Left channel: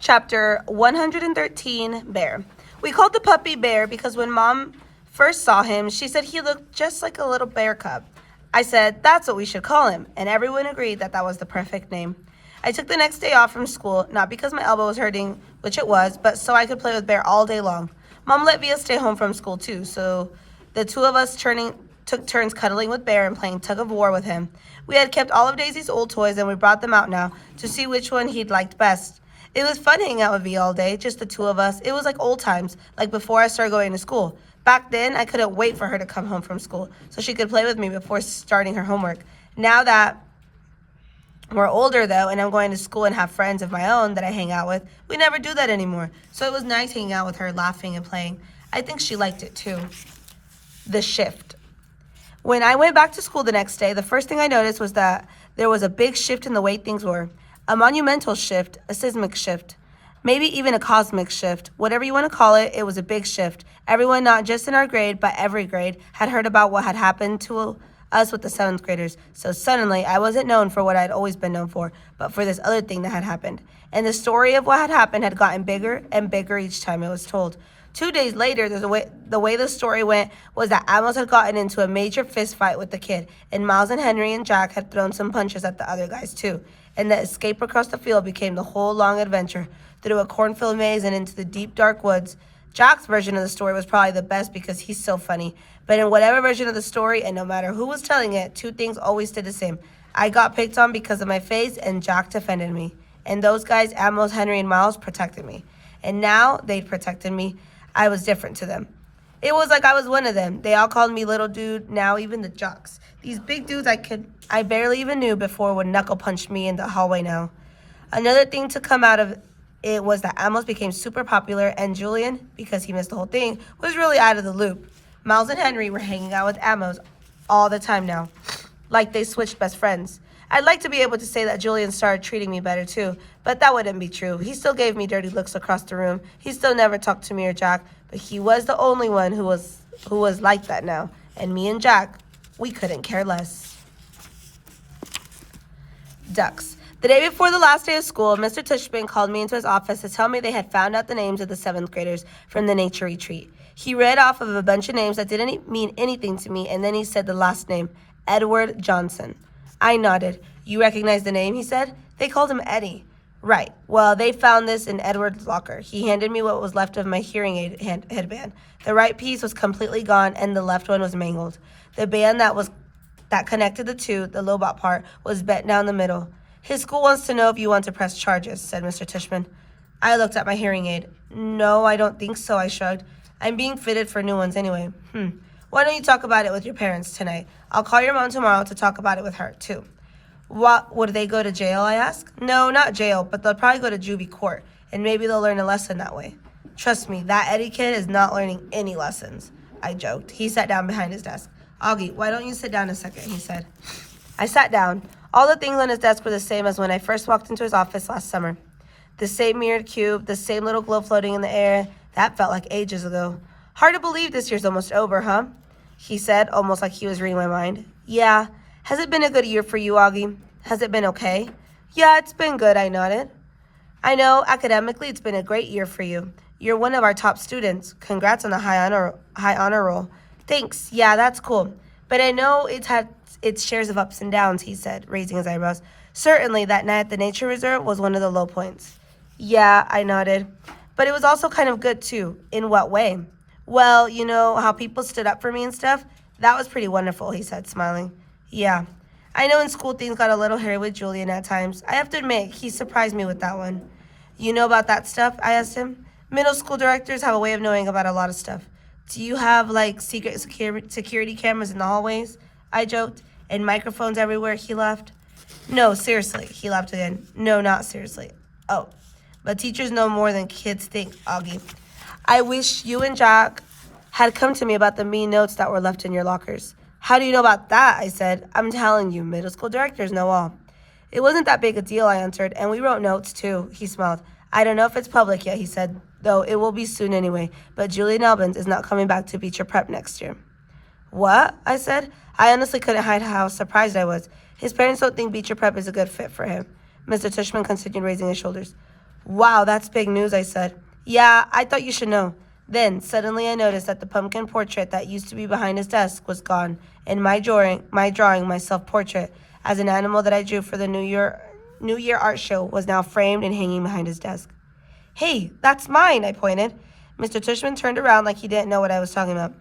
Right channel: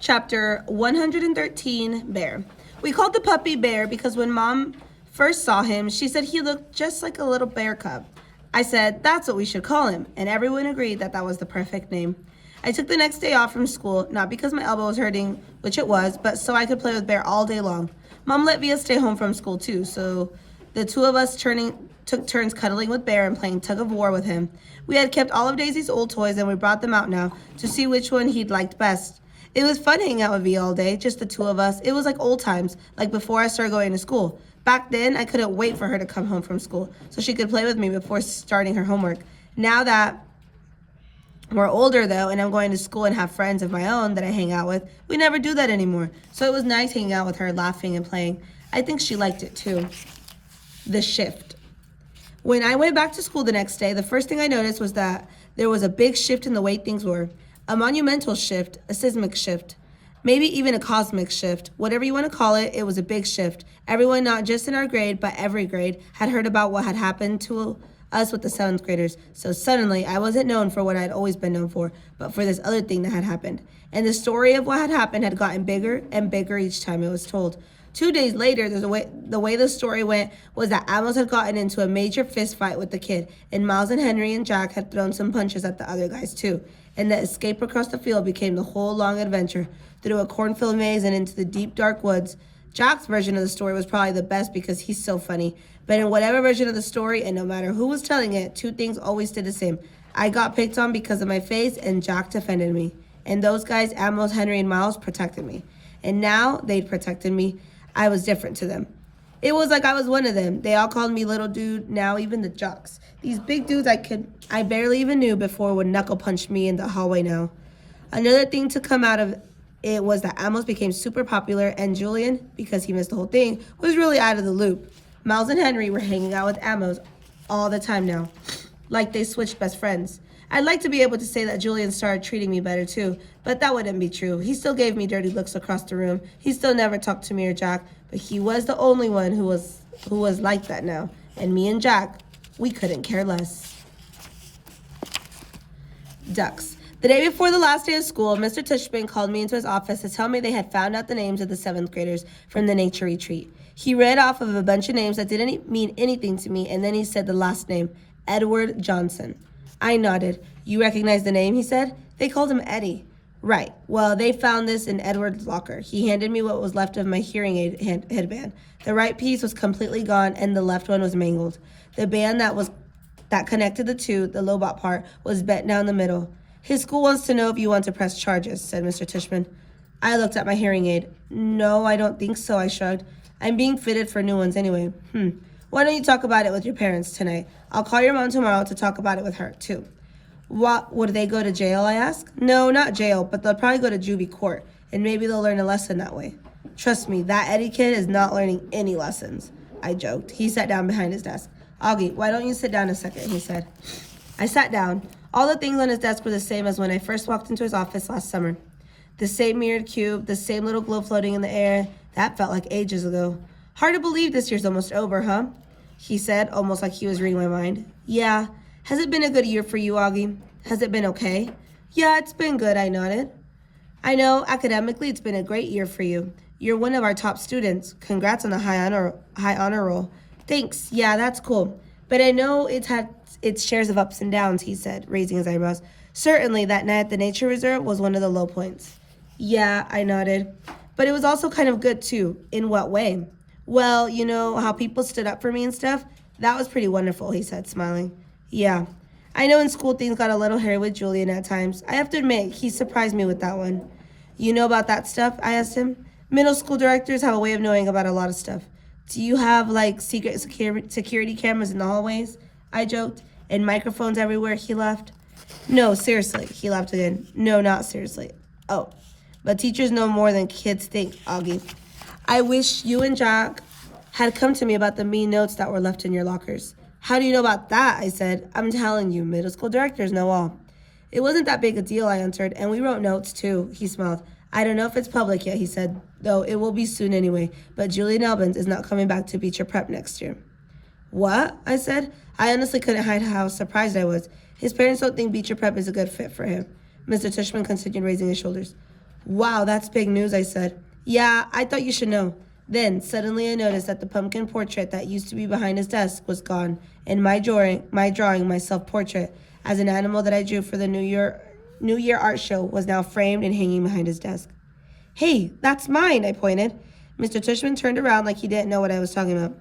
Chapter 113, Bear. We called the puppy Bear because when Mom first saw him, she said he looked just like a little bear cub. I said, that's what we should call him, and everyone agreed that that was the perfect name. I took the next day off from school, not because my elbow was hurting, which it was, but so I could play with Bear all day long. Mom let Via stay home from school too, so the two of us took turns cuddling with Bear and playing tug of war with him. We had kept all of Daisy's old toys and we brought them out now to see which one he'd liked best. It was fun hanging out with V all day, just the two of us. It was like old times, like before I started going to school. Back then, I couldn't wait for her to come home from school so she could play with me before starting her homework. Now that we're older, though, and I'm going to school and have friends of my own that I hang out with, we never do that anymore. So it was nice hanging out with her, laughing and playing. I think she liked it, too. The shift. When I went back to school the next day, the first thing I noticed was that there was a big shift in the way things were. A monumental shift, a seismic shift, maybe even a cosmic shift. Whatever you want to call it, it was a big shift. Everyone, not just in our grade, but every grade, had heard about what had happened to us with the 7th graders. So suddenly, I wasn't known for what I'd always been known for, but for this other thing that had happened. And the story of what had happened had gotten bigger and bigger each time it was told. 2 days later, the way the story went was that Amos had gotten into a major fist fight with the kid, and Miles and Henry and Jack had thrown some punches at the other guys too. And the escape across the field became the whole long adventure through a cornfield maze and into the deep, dark woods. Jack's version of the story was probably the best because he's so funny. But in whatever version of the story, and no matter who was telling it, two things always stayed the same. I got picked on because of my face, and Jack defended me. And those guys, Amos, Henry, and Miles, protected me. And now they'd protected me. I was different to them. It was like I was one of them. They all called me little dude, now even the jocks. These big dudes I barely even knew before would knuckle punch me in the hallway now. Another thing to come out of it was that Amos became super popular and Julian, because he missed the whole thing, was really out of the loop. Miles and Henry were hanging out with Amos all the time now, like they switched best friends. I'd like to be able to say that Julian started treating me better too, but that wouldn't be true. He still gave me dirty looks across the room. He still never talked to me or Jack, but he was the only one who was like that now. And me and Jack, we couldn't care less. Ducks. The day before the last day of school, Mr. Tushman called me into his office to tell me they had found out the names of the 7th graders from the nature retreat. He read off of a bunch of names that didn't mean anything to me, and then he said the last name, Edward Johnson. I nodded. You recognize the name, he said. They called him Eddie. Right. Well, they found this in Edward's locker. He handed me what was left of my hearing aid headband. The right piece was completely gone, and the left one was mangled. The band that connected the two, the Lobot part, was bent down the middle. His school wants to know if you want to press charges, said Mr. Tushman. I looked at my hearing aid. No, I don't think so, I shrugged. I'm being fitted for new ones anyway. Why don't you talk about it with your parents tonight? I'll call your mom tomorrow to talk about it with her, too. What, would they go to jail, I asked? No, not jail, but they'll probably go to juvie court, and maybe they'll learn a lesson that way. Trust me, that Eddie kid is not learning any lessons, I joked. He sat down behind his desk. Augie, why don't you sit down a second, he said. I sat down. All the things on his desk were the same as when I first walked into his office last summer. The same mirrored cube, the same little globe floating in the air. That felt like ages ago. Hard to believe this year's almost over, huh? He said, almost like he was reading my mind. Yeah. Has it been a good year for you, Augie? Has it been okay? Yeah, it's been good, I nodded. I know, academically, it's been a great year for you. You're one of our top students. Congrats on the high honor roll. Thanks. Yeah, that's cool. But I know it's had its shares of ups and downs, he said, raising his eyebrows. Certainly, that night at the nature reserve was one of the low points. Yeah, I nodded. But it was also kind of good, too. In what way? Well, you know, how people stood up for me and stuff? That was pretty wonderful, he said, smiling. Yeah. I know in school things got a little hairy with Julian at times. I have to admit, he surprised me with that one. You know about that stuff? I asked him. Middle school directors have a way of knowing about a lot of stuff. Do you have, like, secret security cameras in the hallways? I joked. And microphones everywhere, he laughed. No, seriously, he laughed again. No, not seriously. Oh, but teachers know more than kids think, Augie. I wish you and Jack had come to me about the mean notes that were left in your lockers. How do you know about that? I said. I'm telling you, middle school directors know all. It wasn't that big a deal, I answered, and we wrote notes too, he smiled. I don't know if it's public yet, he said, though it will be soon anyway, but Julian Albans is not coming back to Beecher Prep next year. What? I said. I honestly couldn't hide how surprised I was. His parents don't think Beecher Prep is a good fit for him. Mr. Tushman continued raising his shoulders. Wow, that's big news, I said. Yeah, I thought you should know. Then, suddenly I noticed that the pumpkin portrait that used to be behind his desk was gone, and my self-portrait, as an animal that I drew for the New Year art show, was now framed and hanging behind his desk. Hey, that's mine, I pointed. Mr. Tushman turned around like he didn't know what I was talking about.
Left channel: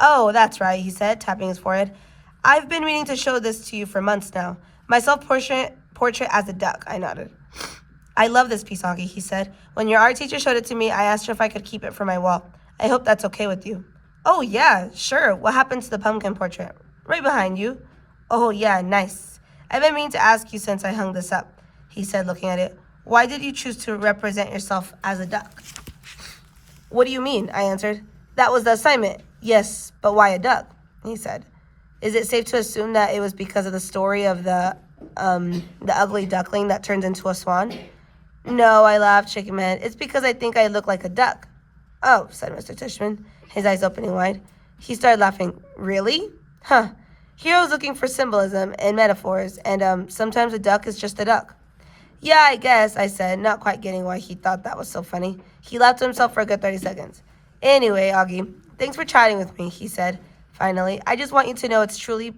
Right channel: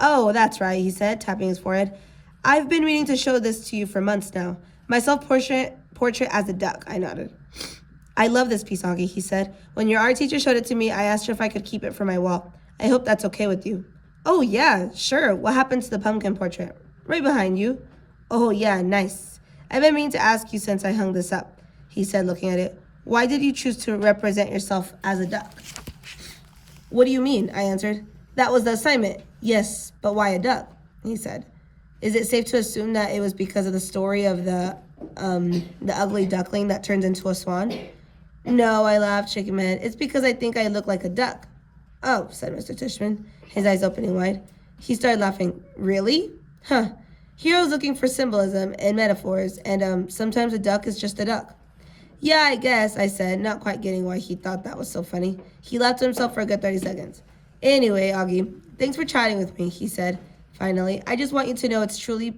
Oh, that's right, he said, tapping his forehead. I've been meaning to show this to you for months now. My self-portrait as a duck, I nodded. I love this piece, Augie, he said. When your art teacher showed it to me, I asked her if I could keep it for my wall. I hope that's okay with you. Oh, yeah, sure. What happened to the pumpkin portrait? Right behind you. Oh, yeah, nice. I've been meaning to ask you since I hung this up, he said, looking at it. Why did you choose to represent yourself as a duck? What do you mean? I answered. That was the assignment. Yes, but why a duck? He said. Is it safe to assume that it was because of the story of the ugly duckling that turns into a swan? No, I laughed, shaking my head. It's because I think I look like a duck. Oh, said Mr. Tushman, his eyes opening wide. He started laughing. Really? Huh. Heroes looking for symbolism and metaphors, and sometimes a duck is just a duck. Yeah, I guess, I said, not quite getting why he thought that was so funny. He laughed to himself for a good 30 seconds. Anyway, Augie, thanks for chatting with me, he said. Finally, I just want you to know it's truly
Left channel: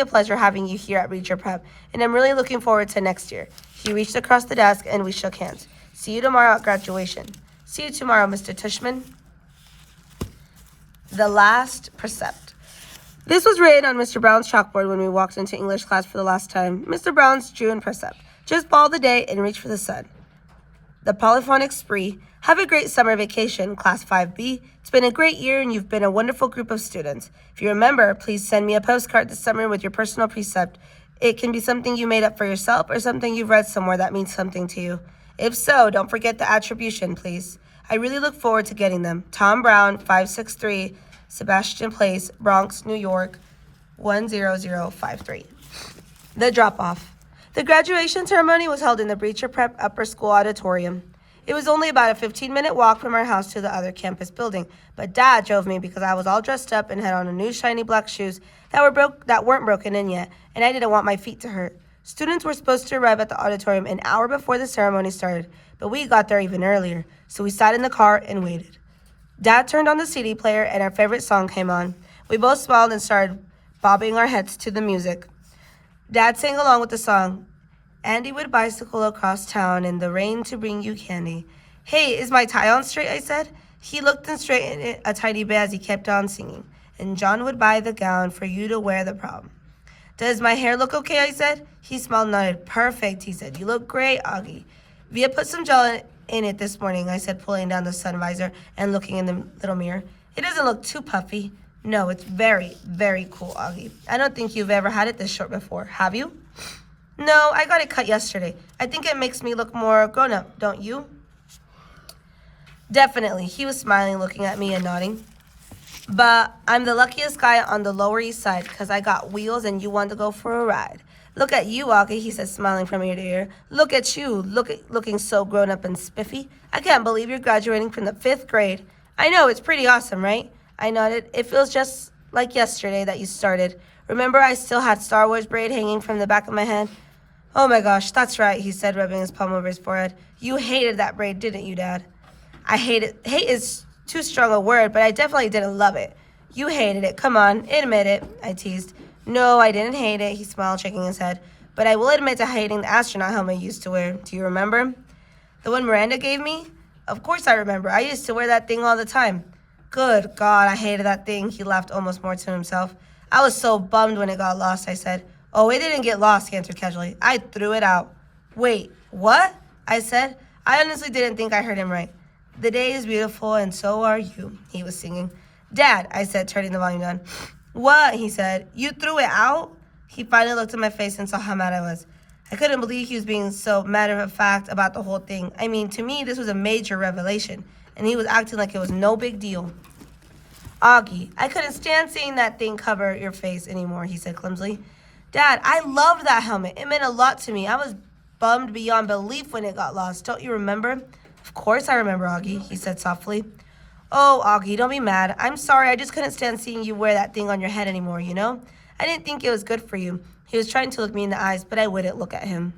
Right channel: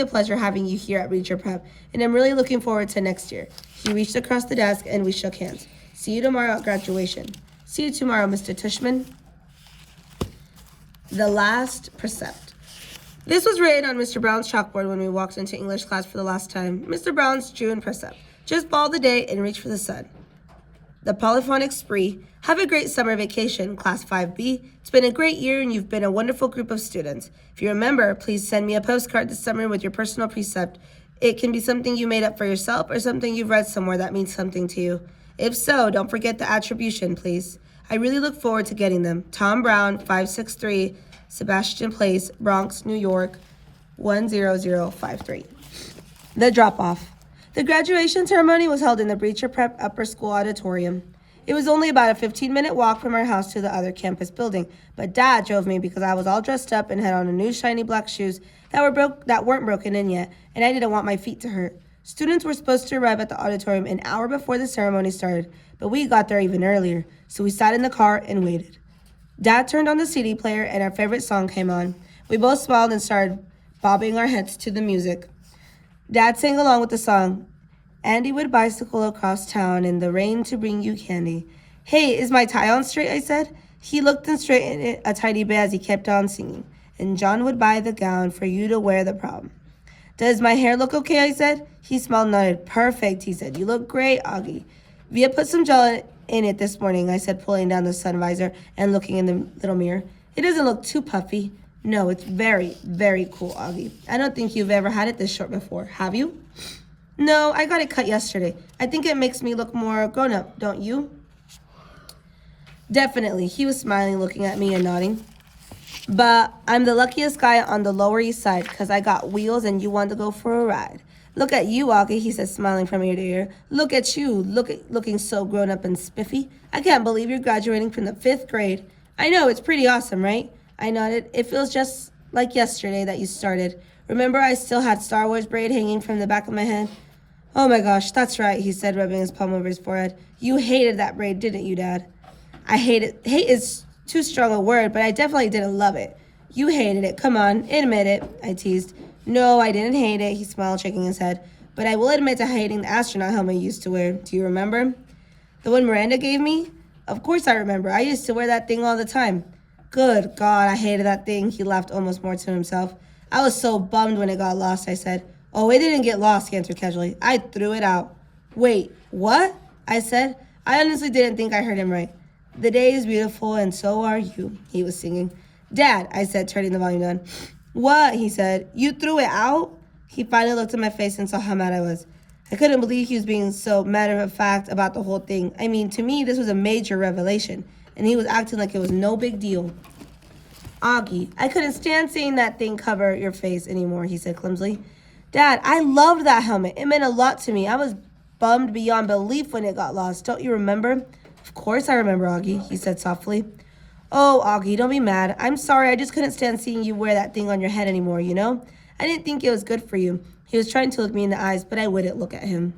a pleasure having you here at Reacher Prep, and I'm really looking forward to next year. He reached across the desk and we shook hands. See you tomorrow at graduation. See you tomorrow, Mr. Tushman. The Last Precept. This was written on Mr. Brown's chalkboard when we walked into English class for the last time. Mr. Brown's June precept. Just follow the day and reach for the sun. The polyphonic spree. Have a great summer vacation, Class 5B. It's been a great year and you've been a wonderful group of students. If you remember, please send me a postcard this summer with your personal precept. It can be something you made up for yourself or something you've read somewhere that means something to you. If so, don't forget the attribution, please. I really look forward to getting them. Tom Brown, 563 Sebastian Place, Bronx, New York, 10053. The drop-off. The graduation ceremony was held in the Breacher Prep Upper School Auditorium. It was only about a 15-minute walk from our house to the other campus building, but Dad drove me because I was all dressed up and had on new shiny black shoes that weren't broken in yet, and I didn't want my feet to hurt. Students were supposed to arrive at the auditorium an hour before the ceremony started, but we got there even earlier, so we sat in the car and waited. Dad turned on the CD player and our favorite song came on. We both smiled and started bobbing our heads to the music. Dad sang along with the song. Andy would bicycle across town in the rain to bring you candy. Hey, is my tie on straight? I said. He looked and straightened it a tiny bit as he kept on singing. And John would buy the gown for you to wear the prom. Does my hair look okay? I said. He smiled and nodded. Perfect, he said. You look great, Augie. Via put some gel in it this morning, I said, pulling down the sun visor and looking in the little mirror. It doesn't look too puffy. No, it's very, very cool, Augie. I don't think you've ever had it this short before, have you? No, I got it cut yesterday. I think it makes me look more grown-up, don't you? Definitely. He was smiling, looking at me and nodding. But I'm the luckiest guy on the Lower East Side because I got wheels and you want to go for a ride. Look at you, Augie, he said, smiling from ear to ear. Look at you, looking so grown-up and spiffy. I can't believe you're graduating from the 5th grade. I know, it's pretty awesome, right? I nodded. It feels just like yesterday that you started. Remember I still had Star Wars braid hanging from the back of my head? Oh my gosh, that's right, he said, rubbing his palm over his forehead. You hated that braid, didn't you, Dad? I hated it. Hate is too strong a word, but I definitely didn't love it. You hated it. Come on, admit it, I teased. No, I didn't hate it, he smiled, shaking his head. But I will admit to hating the astronaut helmet I used to wear. Do you remember? The one Miranda gave me? Of course I remember. I used to wear that thing all the time. Good God, I hated that thing, he laughed almost more to himself. I was so bummed when it got lost, I said. Oh, it didn't get lost, he answered casually. I threw it out. Wait, what? I said. I honestly didn't think I heard him right. The day is beautiful and so are you, he was singing. Dad, I said, turning the volume down. What? He said. You threw it out? He finally looked at my face and saw how mad I was. I couldn't believe he was being so matter-of-fact about the whole thing. I mean, to me, this was a major revelation, and he was acting like it was no big deal. Augie, I couldn't stand seeing that thing cover your face anymore, he said clumsily. Dad, I loved that helmet. It meant a lot to me. I was bummed beyond belief when it got lost. Don't you remember? Of course I remember, Augie, he said softly. Oh, Augie, don't be mad. I'm sorry, I just couldn't stand seeing you wear that thing on your head anymore, you know? I didn't think it was good for you. He was trying to look me in the eyes, but I wouldn't look at him.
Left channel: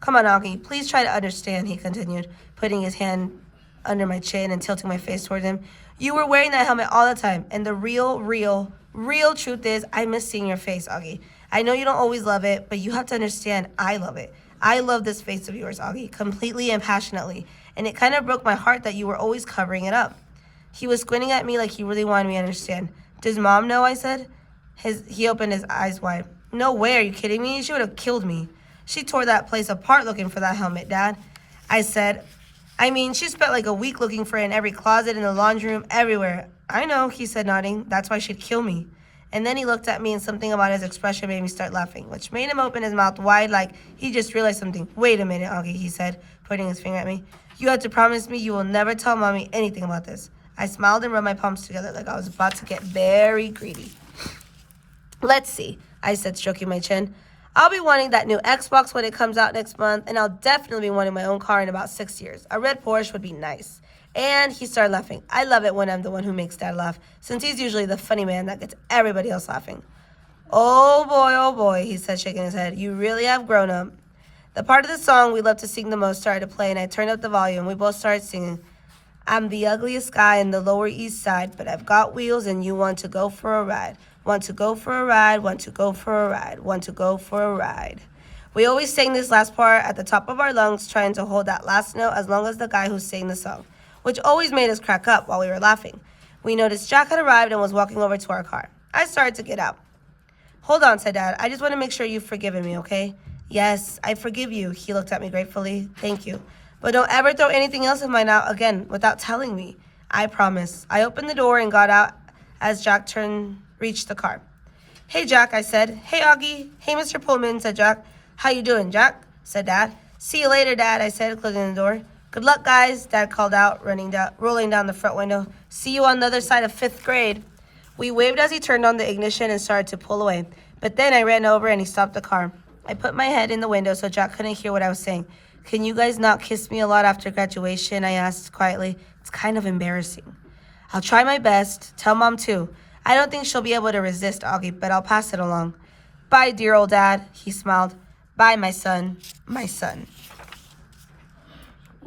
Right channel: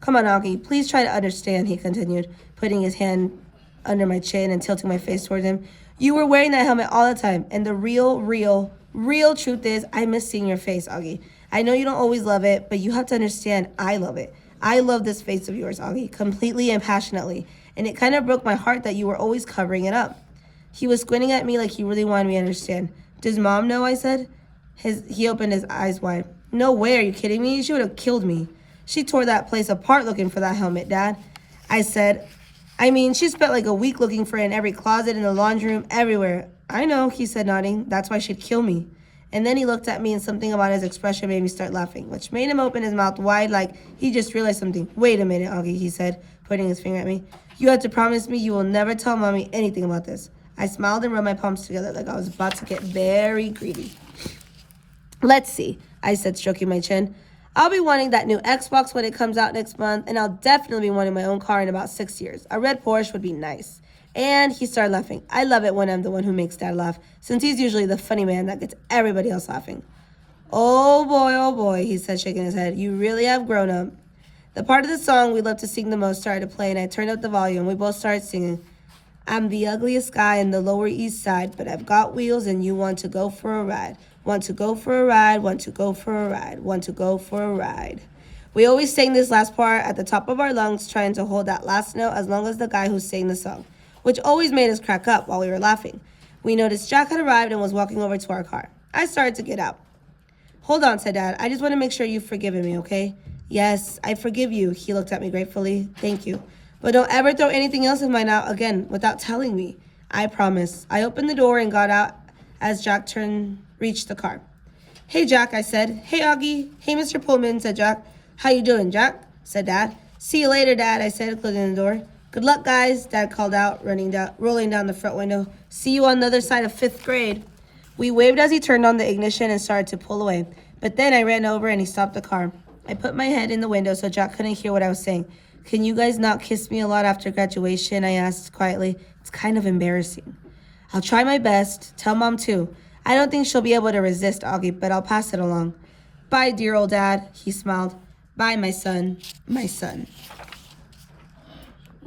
Come on, Augie, please try to understand, he continued, putting his hand under my chin and tilting my face toward him. You were wearing that helmet all the time, and the real truth is I miss seeing your face, Augie. I know you don't always love it, but you have to understand I love it. I love this face of yours, Augie, completely and passionately, and it kind of broke my heart that you were always covering it up. He was squinting at me like he really wanted me to understand. Does Mom know? I said. He opened his eyes wide. No way, are you kidding me? She would have killed me. She tore that place apart looking for that helmet, Dad. I said, I mean, she spent like a week looking for it in every closet, in the laundry room, everywhere. I know, he said, nodding. That's why she'd kill me. And then he looked at me and something about his expression made me start laughing, which made him open his mouth wide like he just realized something. Wait a minute, Augie, he said, pointing his finger at me. You have to promise me you will never tell Mommy anything about this. I smiled and rubbed my palms together like I was about to get very greedy. Let's see, I said, stroking my chin. I'll be wanting that new Xbox when it comes out next month, and I'll definitely be wanting my own car in about 6 years. A red Porsche would be nice. And he started laughing. I love it when I'm the one who makes Dad laugh, since he's usually the funny man that gets everybody else laughing. Oh boy, he said, shaking his head. You really have grown up. The part of the song we love to sing the most started to play, and I turned up the volume. We both started singing. I'm the ugliest guy in the Lower East Side, but I've got wheels and you want to go for a ride. Want to go for a ride, want to go for a ride, want to go for a ride. We always sang this last part at the top of our lungs, trying to hold that last note as long as the guy who sang the song, which always made us crack up while we were laughing. We noticed Jack had arrived and was walking over to our car. I started to get out. Hold on, said Dad. I just want to make sure you've forgiven me, okay? Yes, I forgive you. He looked at me gratefully. Thank you. But don't ever throw anything else in my mouth again without telling me. I promise. I opened the door and got out as Jack reached the car. Hey, Jack, I said. Hey, Augie. Hey, Mr. Pullman, said Jack. How you doing, Jack? Said Dad. See you later, Dad, I said, closing the door. Good luck, guys, Dad called out, rolling down the front window. See you on the other side of 5th grade. We waved as he turned on the ignition and started to pull away. But then I ran over and he stopped the car. I put my head in the window so Jack couldn't hear what I was saying. Can you guys not kiss me a lot after graduation? I asked quietly. It's kind of embarrassing. I'll try my best. Tell Mom, too. I don't think she'll be able to resist, Augie, but I'll pass it along. Bye, dear old Dad, he smiled. Bye, my son, my son.